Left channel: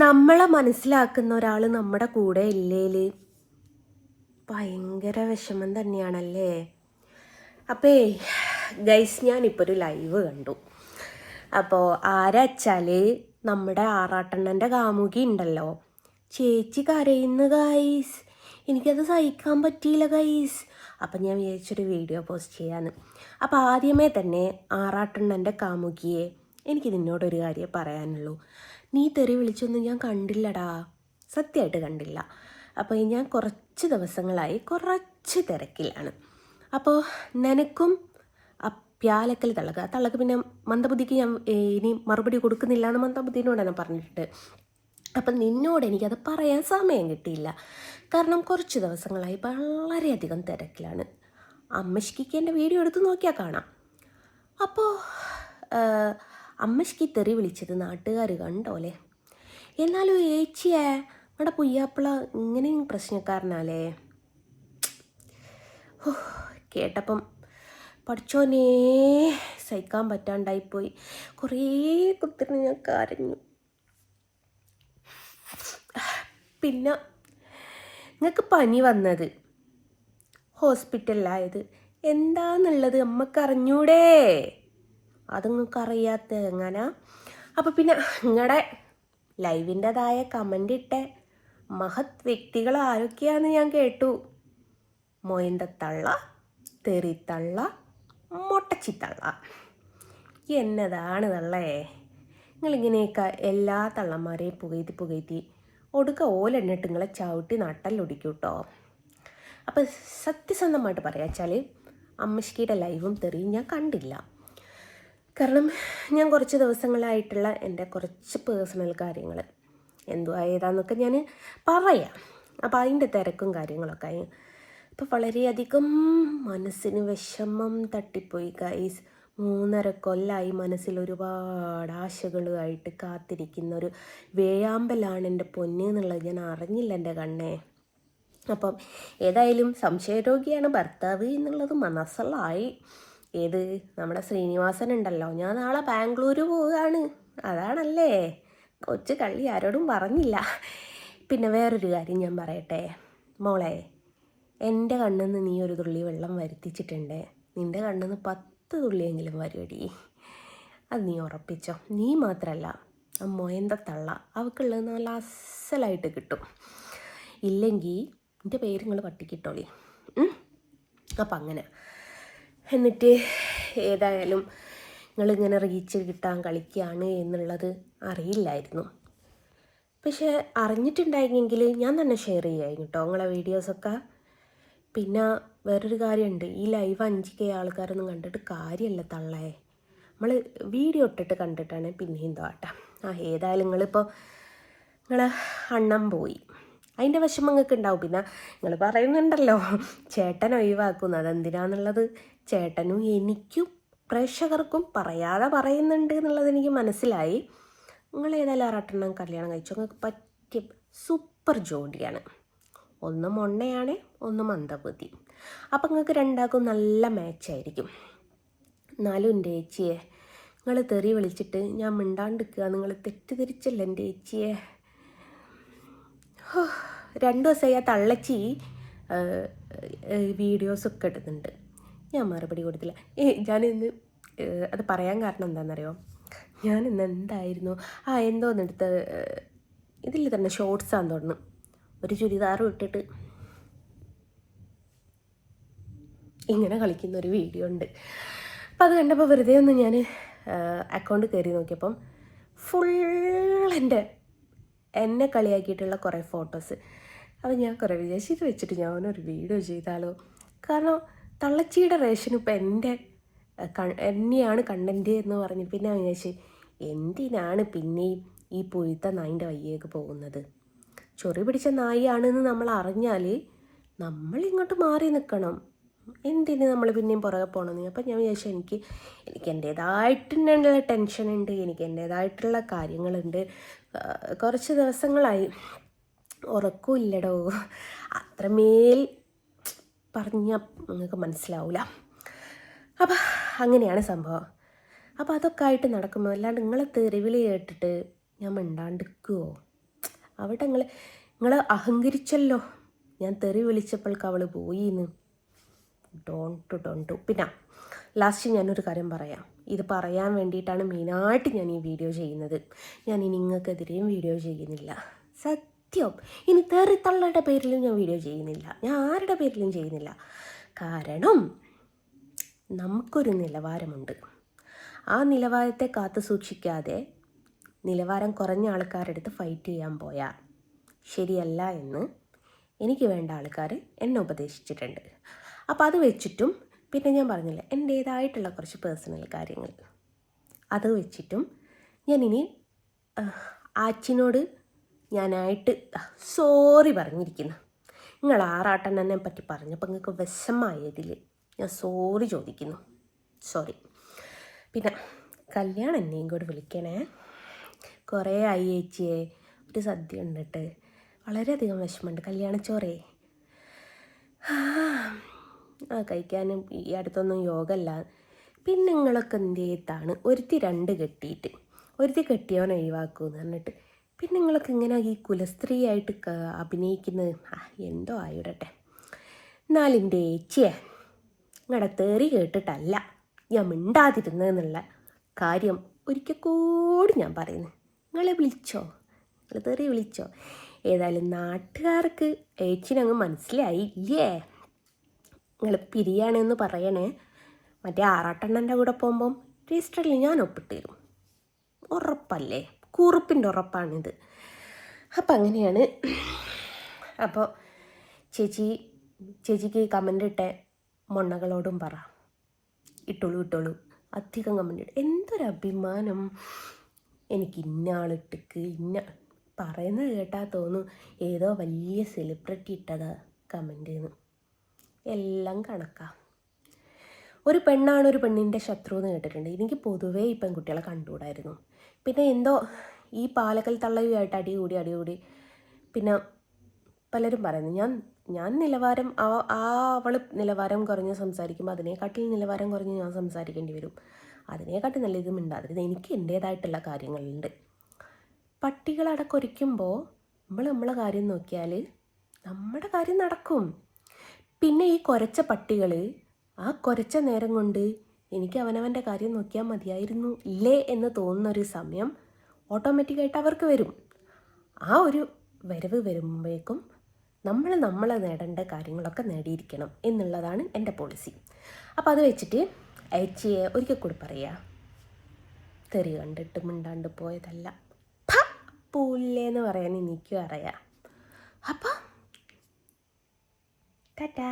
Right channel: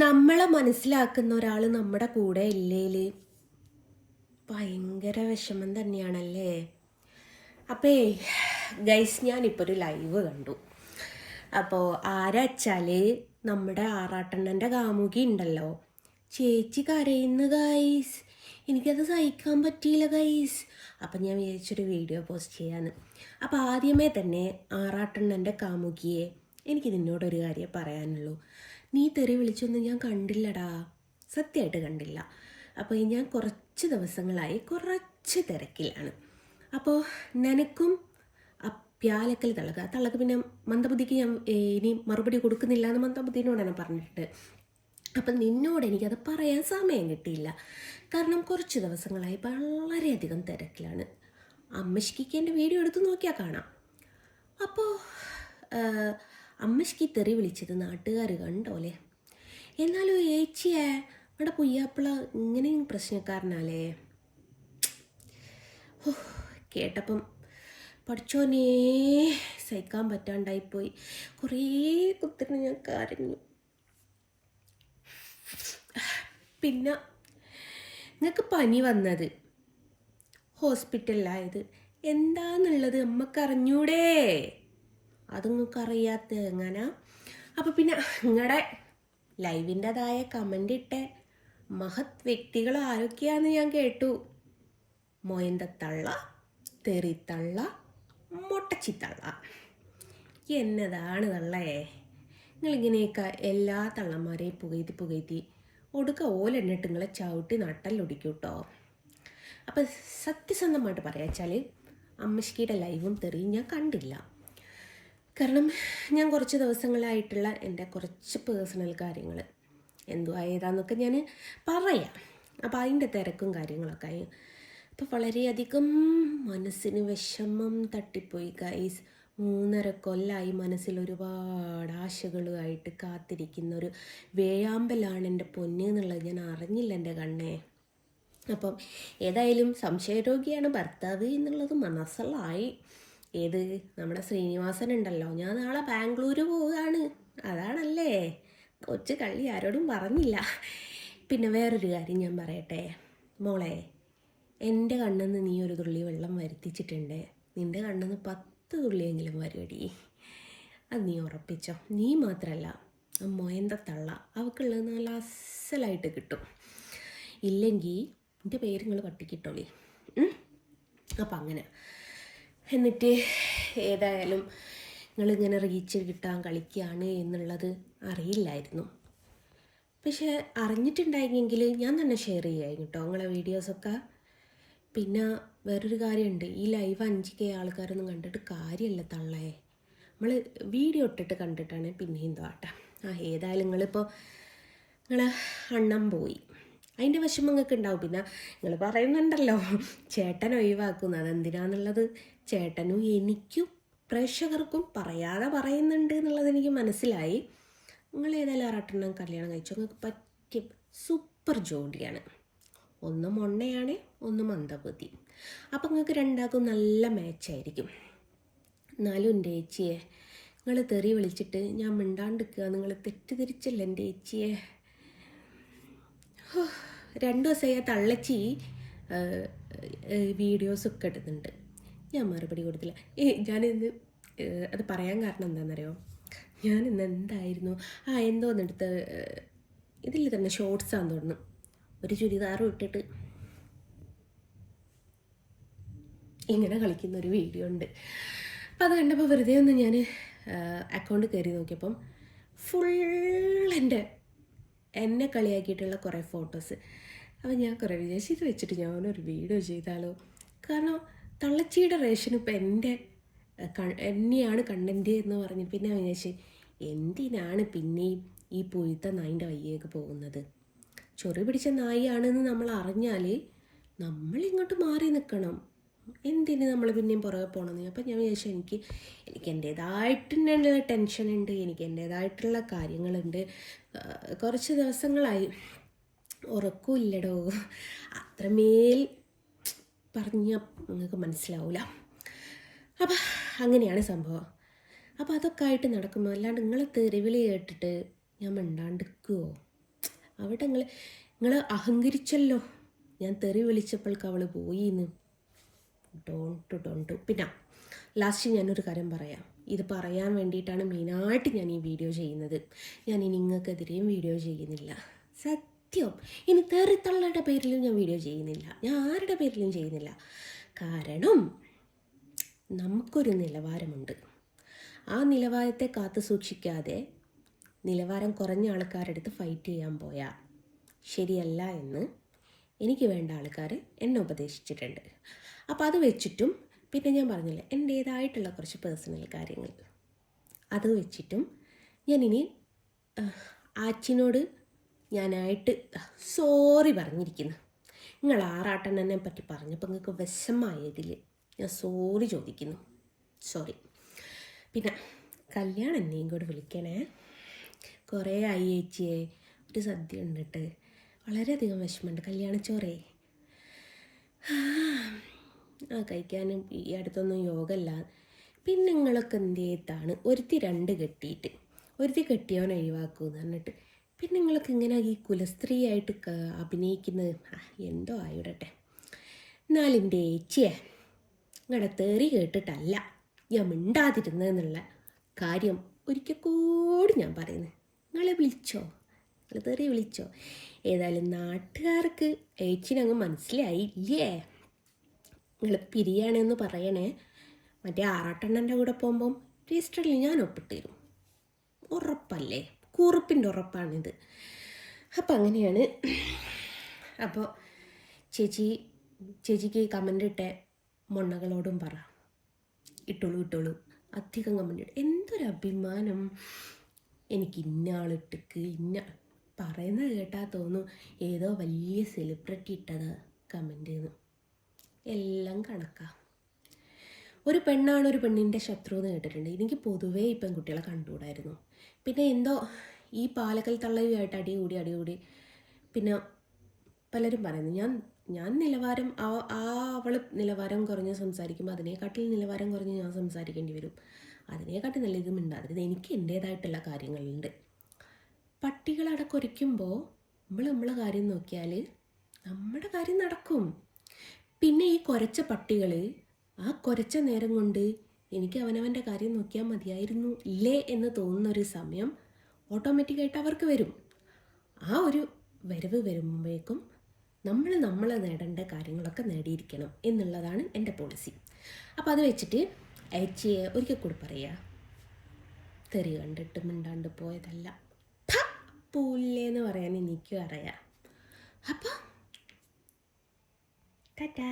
നമ്മളെ മനസ്സിലാക്കുന്ന ഒരാൾ നമ്മുടെ കൂടെ ഇല്ലേല് ഭയങ്കര വിഷമം തന്നെയാണല്ലേ. അപ്പേ ഗൈസ്, ഞാനിപ്പോൾ ഒരു ലൈവ് കണ്ടു. അപ്പോൾ ആരാച്ചാൽ നമ്മുടെ ആറാട്ടണ്ണൻ്റെ കാമുകി ഉണ്ടല്ലോ, ചേച്ചി കരയുന്നു ഗൈസ്. എനിക്കത് സഹിക്കാൻ പറ്റിയില്ല ഗൈസ്. അപ്പം ഞാൻ വിചാരിച്ചൊരു വീഡിയോ പോസ്റ്റ് ചെയ്യാന്ന്. അപ്പോൾ ആദ്യമേ തന്നെ ആറാട്ടണ്ണൻ്റെ കാമുകിയെ, എനിക്ക് നിന്നോടൊരു കാര്യം പറയാനുള്ളൂ. നീ തെറി വിളിച്ചൊന്നും ഞാൻ കണ്ടില്ലടാ, സത്യമായിട്ട് കണ്ടില്ല. അപ്പോൾ ഞാൻ കുറച്ച് ദിവസങ്ങളായി കുറച്ച് തിരക്കിലാണ്. അപ്പോൾ നിനക്കും പ്യാലക്കൽ തള്ളക്ക് പിന്നെ മന്ദബുദ്ധിക്ക് ഞാൻ ഇനി മറുപടി കൊടുക്കുന്നില്ല എന്ന് മന്ദബുദ്ധിനോട് ഞാൻ പറഞ്ഞിട്ട്. അപ്പം നിന്നോട് എനിക്കത് പറയാൻ സമയം കിട്ടിയില്ല. കാരണം കുറച്ച് ദിവസങ്ങളായി വളരെയധികം തിരക്കിലാണ്. അമ്മശ്ശിക്ക് എൻ്റെ വീഡിയോ എടുത്ത് നോക്കിയാൽ കാണാം. അപ്പോൾ അമ്മശ്ശിക്ക് തെറി വിളിച്ചത് നാട്ടുകാർ കണ്ടോലെ. എന്നാലും ഏച്ചിയെ അവിടെ പുയ്യാപ്പിള ഇങ്ങനെയും പ്രശ്നക്കാരനാലേ. കേട്ടപ്പം പഠിച്ചോനേ സഹിക്കാൻ പറ്റാണ്ടായിപ്പോയി. കുറേ കുത്തിരി ഞാൻ കരഞ്ഞു. പിന്നെ നിങ്ങൾക്ക് പനി വന്നത്, ഹോസ്പിറ്റലിലായത് എന്താന്നുള്ളത് അമ്മക്കറിഞ്ഞൂടേ? അത് നിങ്ങൾക്ക് അറിയാത്ത എങ്ങനെ? അപ്പം പിന്നെ നിങ്ങളുടെ ലൈവിൻ്റെതായ കമൻ്റ് ഇട്ട മഹത് വ്യക്തികൾ ആരൊക്കെയാണെന്ന് ഞാൻ കേട്ടു. മൊയന്തത്തള്ള, തെറിത്തള്ള, മൊട്ടച്ചിത്തള്ള. എന്നതാണ് തള്ളേ നിങ്ങളിങ്ങനെയൊക്കെ എല്ലാ തള്ളന്മാരെയും പുകയ്ത്തി ഒടുക്ക ഓലെണ്ണിട്ട് നിങ്ങളെ ചവിട്ടി നട്ടല്ലൊടിക്കൂട്ടോ. അപ്പം സത്യസന്ധമായിട്ട് പറയാച്ചാൽ അമ്മശ്ശിയുടെ ലൈവും തെറിയും ഞാൻ കണ്ടില്ല. കാരണം ഞാൻ കുറച്ച് ദിവസങ്ങളായിട്ടുള്ള എൻ്റെ കുറച്ച് പേഴ്സണൽ കാര്യങ്ങൾ എന്തുവാ ഏതാന്നൊക്കെ ഞാൻ പറയാം. അപ്പോൾ അതിൻ്റെ തിരക്കും കാര്യങ്ങളൊക്കെ ആയി. അപ്പോൾ വളരെയധികം മനസ്സിന് വിഷമം തട്ടിപ്പോയി ഗൈസ്. 3.5 കൊല്ലമായി മനസ്സിൽ ഒരുപാട് ആശകളുമായിട്ട് കാത്തിരിക്കുന്ന ഒരു വേഴാമ്പലാണ് എൻ്റെ പൊന്നെന്നുള്ളത് ഞാൻ അറിഞ്ഞില്ല എൻ്റെ കണ്ണേ. അപ്പം ഏതായാലും സംശയരോഗിയാണ് ഭർത്താവ് എന്നുള്ളത് മനസ്സിലായി. ഏത് നമ്മുടെ ശ്രീനിവാസൻ ഉണ്ടല്ലോ, ഞാൻ നാളെ ബാംഗ്ലൂർ പോവുകയാണ്. അതാണല്ലേ കൊച്ചു കളി, ആരോടും പറഞ്ഞില്ല. പിന്നെ വേറൊരു കാര്യം ഞാൻ പറയട്ടെ മോളെ, എൻ്റെ കണ്ണിന്ന് നീ ഒരു തുള്ളി വെള്ളം വരുത്തിച്ചിട്ടുണ്ട്, നിൻ്റെ കണ്ണിന്ന് 10 തുള്ളിയെങ്കിലും വരുമടി. അത് നീ ഉറപ്പിച്ചോ. നീ മാത്രമല്ല, ആ മൊയന്തത്തള്ള അവൾക്കുള്ളത് നല്ല അസലായിട്ട് കിട്ടും. ഇല്ലെങ്കിൽ എൻ്റെ പേര് നിങ്ങൾ പട്ടിക്കിട്ടോളി. അപ്പം അങ്ങനെ എന്നിട്ട് ഏതായാലും നിങ്ങളിങ്ങനെ റീച്ച് കിട്ടാൻ കളിക്കുകയാണ് എന്നുള്ളത് അറിയില്ലായിരുന്നു. പക്ഷേ അറിഞ്ഞിട്ടുണ്ടായിരുന്നെങ്കിൽ ഞാൻ തന്നെ ഷെയർ ചെയ്യുമായിരുന്നു കേട്ടോ നിങ്ങളെ വീഡിയോസൊക്കെ. പിന്നെ വേറൊരു കാര്യമുണ്ട്, ഈ ലൈവ് 5K ആൾക്കാരൊന്നും കണ്ടിട്ട് കാര്യമല്ല തള്ളേ. നമ്മൾ വീഡിയോ ഇട്ടിട്ട് കണ്ടിട്ടാണ് പിന്നെയും താട്ടാ. ഏതായാലും നിങ്ങളിപ്പോൾ നിങ്ങളെ അണ്ണം പോയി, അതിൻ്റെ വിഷമം നിങ്ങൾക്ക് ഉണ്ടാവും. പിന്നെ നിങ്ങൾ പറയുന്നുണ്ടല്ലോ ചേട്ടൻ ഒഴിവാക്കുന്നു, അതെന്തിനാന്നുള്ളത് ചേട്ടനും എനിക്കും പ്രേക്ഷകർക്കും പറയാതെ പറയുന്നുണ്ട് എന്നുള്ളത് എനിക്ക് മനസ്സിലായി. നിങ്ങൾ ഏതായാലും ആറാട്ടെണ്ണം കല്യാണം കഴിച്ചു, നിങ്ങൾക്ക് പറ്റിയ സൂപ്പർ ജോഡിയാണ്. ഒന്ന് മൊണ്ണയാണ്, ഒന്ന് മന്ദബുദ്ധി. അപ്പം നിങ്ങൾക്ക് രണ്ടാൾക്കും നല്ല മാച്ചായിരിക്കും. എന്നാലും എൻ്റെ ചേച്ചിയെ നിങ്ങൾ തെറി വിളിച്ചിട്ട് ഞാൻ മിണ്ടാണ്ടിരിക്കുക, നിങ്ങൾ തെറ്റിദ്ധരിച്ചല്ലോ എൻ്റെ ചേച്ചിയെ. 2 ദിവസമായി ആ തള്ളച്ചി വീഡിയോസൊക്കെ ഇടുന്നുണ്ട്, ഞാൻ മറുപടി കൊടുത്തില്ല. ഞാനിന്ന് അത് പറയാൻ കാരണം എന്താണെന്നറിയോ, ഞാനിന്ന് എന്തായിരുന്നു എന്തോന്നെടുത്ത് ഇതിൽ തന്നെ ഷോർട്സാന്ന് തോന്നുന്നു, ഒരു ചുരിദാറും ഇട്ടിട്ട് ഇങ്ങനെ കളിക്കുന്ന ഒരു വീഡിയോ ഉണ്ട്. അപ്പം അത് കണ്ടപ്പോൾ വെറുതെ ഒന്ന് ഞാൻ അക്കൗണ്ട് കയറി നോക്കിയപ്പം ഫുൾ എന്നെ കളിയാക്കിയിട്ടുള്ള കുറേ ഫോട്ടോസ്. അപ്പം ഞാൻ കുറേ വിചാരിച്ചു ഇത് വെച്ചിട്ട് ഞാനൊരു വീഡിയോ ചെയ്താലോ. കാരണം തള്ളച്ചിയുടെ റേഷൻ ഇപ്പം എന്നെയാണ് കണ്ടന്റ് എന്ന് പറഞ്ഞ് പിന്നെ വിചാരിച്ചു എന്തിനാണ് പിന്നെയും ഈ പൊയ്ത്ത നായിൻ്റെ വയ്യേക്ക് പോകുന്നത്. ചൊറി പിടിച്ച നായിയാണെന്ന് നമ്മൾ അറിഞ്ഞാൽ നമ്മൾ ഇങ്ങോട്ട് മാറി നിൽക്കണം. എന്തിന് നമ്മൾ പിന്നെയും പുറകെ പോകണമെന്ന്. അപ്പം ഞാൻ വിചാരിച്ചു എനിക്ക് എൻ്റേതായിട്ടുള്ള ടെൻഷനുണ്ട്, എനിക്ക് എൻ്റേതായിട്ടുള്ള കാര്യങ്ങളുണ്ട്. കുറച്ച് ദിവസങ്ങളായി ഉറക്കമില്ലടോ, അത്രമേൽ പറഞ്ഞ നിങ്ങൾക്ക് മനസ്സിലാവില്ല. അപ്പം അങ്ങനെയാണ് സംഭവം. അപ്പോൾ അതൊക്കെ ആയിട്ട് നടക്കുമ്പോൾ അല്ലാണ്ട് നിങ്ങളെ തെരുവിൽ കേട്ടിട്ട് ഞാൻ മിണ്ടാണ്ടിരിക്കുമോ? എവിടെ നിങ്ങൾ അഹങ്കരിച്ചല്ലോ, ഞാൻ തെറി വിളിച്ചപ്പോൾക്ക് അവൾ പോയിന്ന്. ഡോണ്ട്. പിന്നെ ലാസ്റ്റ് ഞാനൊരു കാര്യം പറയാം. ഇത് പറയാൻ വേണ്ടിയിട്ടാണ് മെയിനായിട്ട് ഞാൻ ഈ വീഡിയോ ചെയ്യുന്നത്. ഞാൻ ഇനി നിങ്ങൾക്കെതിരെയും വീഡിയോ ചെയ്യുന്നില്ല, സത്യം. ഇനി തെറിത്തള്ളയുടെ പേരിലും ഞാൻ വീഡിയോ ചെയ്യുന്നില്ല, ഞാൻ ആരുടെ പേരിലും ചെയ്യുന്നില്ല. കാരണം നമുക്കൊരു നിലവാരമുണ്ട്. ആ നിലവാരത്തെ കാത്തു സൂക്ഷിക്കാതെ നിലവാരം കുറഞ്ഞ ആൾക്കാരുടെ അടുത്ത് ഫൈറ്റ് ചെയ്യാൻ പോയാൽ ശരിയല്ല എന്ന് എനിക്ക് വേണ്ട ആൾക്കാർ എന്നെ ഉപദേശിച്ചിട്ടുണ്ട്. അപ്പോൾ അത് വെച്ചിട്ടും പിന്നെ ഞാൻ പറഞ്ഞില്ല എൻ്റേതായിട്ടുള്ള കുറച്ച് പേഴ്സണൽ കാര്യങ്ങൾ, അത് വെച്ചിട്ടും ഞാനിനി ആച്ചിനോട് ഞാനായിട്ട് സോറി പറഞ്ഞിരിക്കുന്നു. നിങ്ങൾ ആറാട്ടെണ്ണനെ പറ്റി പറഞ്ഞപ്പോൾ നിങ്ങൾക്ക് വിഷമായതിൽ ഞാൻ സോറി ചോദിക്കുന്നു, സോറി. പിന്നെ കല്യാണം എന്നെയും കൂടെ വിളിക്കണേ. കുറേ ആയി ചേച്ചിയെ, ഒരു സദ്യ ഉണ്ടിട്ട് വളരെയധികം വിഷമമുണ്ട്. കല്യാണച്ചോറേ ആ കഴിക്കാനും ഈ അടുത്തൊന്നും യോഗമല്ല. പിന്നെ നിങ്ങളൊക്കെ എന്ത് ചെയ്താണ് ഒരുത്തി രണ്ട് കെട്ടിയിട്ട് ഒരുത്തി കെട്ടിയവൻ ഒഴിവാക്കുമെന്ന് പറഞ്ഞിട്ട് പിന്നെ നിങ്ങളൊക്കെ ഇങ്ങനെ ഈ കുലസ്ത്രീയായിട്ട് അഭിനയിക്കുന്നത്. എന്തോ ആയിടട്ടെ. എന്നാലിൻ്റെ ഏച്ചിയെ നിങ്ങളുടെ തെറി കേട്ടിട്ടല്ല ഞാൻ മിണ്ടാതിരുന്നതെന്നുള്ള കാര്യം ഒരിക്കൽ കൂടി ഞാൻ പറയുന്നു. നിങ്ങളെ വിളിച്ചോ, നിങ്ങൾ തെറി വിളിച്ചോ? ഏതായാലും നാട്ടുകാർക്ക് ഏച്ചിനങ്ങ് മനസ്സിലായി ഇല്ലേ? നിങ്ങൾ പിരിയാണെന്ന് പറയണേ. മറ്റേ ആറാട്ടെണ്ണൻ്റെ കൂടെ പോകുമ്പം രജിസ്റ്ററിൽ ഞാൻ ഒപ്പിട്ട് തരും, ഉറപ്പല്ലേ, കുറിപ്പിൻ്റെ ഉറപ്പാണിത്. അപ്പം അങ്ങനെയാണ്. അപ്പോൾ ചേച്ചിക്ക് ഈ കമൻ്റ് ഇട്ട മൊണ്ണകളോടും പറ, ഇട്ടോളൂ. അധികം കമൻ്റ് ഇട്ട് എന്തൊരഭിമാനം. എനിക്ക് ഇന്ന ആളിട്ടിക്ക് ഇന്ന പറയുന്നത് കേട്ടാൽ തോന്നും ഏതോ വലിയ സെലിബ്രിറ്റി ഇട്ടതാ കമൻ്റ് എന്ന്. എല്ലാം കണക്കാ. ഒരു പെണ്ണാണ് ഒരു പെണ്ണിൻ്റെ ശത്രു എന്ന് കേട്ടിട്ടുണ്ട്. എനിക്ക് പൊതുവേ ഈ പെൺകുട്ടികളെ കണ്ടുകൂടായിരുന്നു. പിന്നെ എന്തോ ഈ പാലക്കൽ തള്ളയുമായിട്ട് അടികൂടി പിന്നെ പലരും പറയുന്നു ഞാൻ നിലവാരം അവൾ നിലവാരം കുറഞ്ഞ് സംസാരിക്കുമ്പോൾ അതിനെക്കാട്ടിൽ നിലവാരം കുറഞ്ഞ് ഞാൻ സംസാരിക്കേണ്ടി വരും. അതിനെക്കാട്ടി നല്ല ഇത് മിണ്ടാതിരുന്നത്. എനിക്ക് എൻ്റേതായിട്ടുള്ള കാര്യങ്ങളുണ്ട്. പട്ടികളടക്കൊരിക്കുമ്പോൾ നമ്മളെ കാര്യം നോക്കിയാൽ നമ്മുടെ കാര്യം നടക്കും. പിന്നെ ഈ കുരച്ച പട്ടികൾ ആ കുരച്ച നേരം കൊണ്ട് എനിക്ക് അവനവൻ്റെ കാര്യം നോക്കിയാൽ മതിയായിരുന്നു ഇല്ലേ എന്ന് തോന്നുന്നൊരു സമയം ഓട്ടോമാറ്റിക്കായിട്ട് അവർക്ക് വരും. ആ ഒരു വരവ് വരുമ്പോഴേക്കും നമ്മളെ നേടേണ്ട കാര്യങ്ങളൊക്കെ നേടിയിരിക്കണം എന്നുള്ളതാണ് എൻ്റെ പോളിസി. അപ്പോൾ അത് വെച്ചിട്ട് അയച്ചിയെ ഒരിക്കൽ കൂടി പറയാം, തെറി കണ്ടിട്ട് മിണ്ടാണ്ട് പോയതല്ല, പൂല്ലേന്ന് പറയാൻ എനിക്കും അറിയാം. അപ്പോൾ ടാറ്റാ.